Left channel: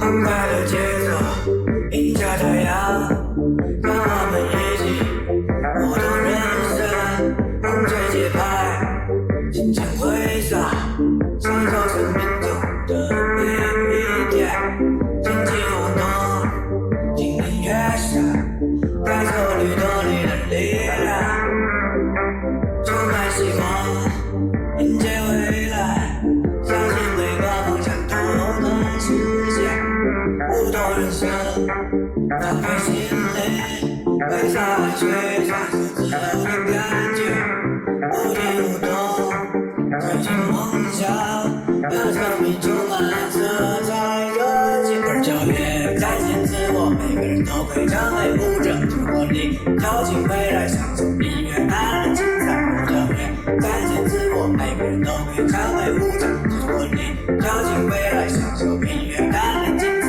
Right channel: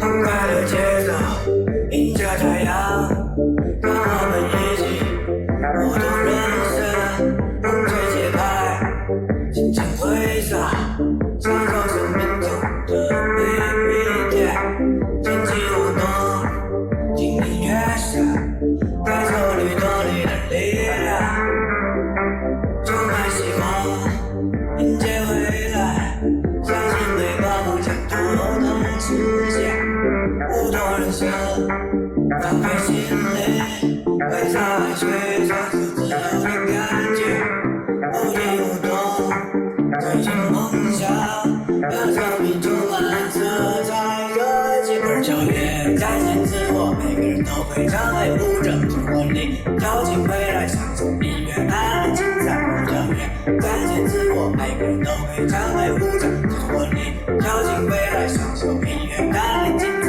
欢快的节奏，迎着太阳，让我们一起舞动人生，跟着节拍，尽情挥洒，享受生命中的每一点，经济活动，听音乐声，感受律动你的力量，充满希望，迎接未来，相信每个梦想都能实现，舞动人生，让人心里为啥吹响自由的感觉，不言不动，追寻梦想，让生命充满色彩热情而跳跃，展现自我，每个人都会成为舞者，如果你跳进未来，享受音乐带来精彩而跳跃，展现自我，每个人都会成为舞者，如果你跳进未来，享受音乐带来精彩。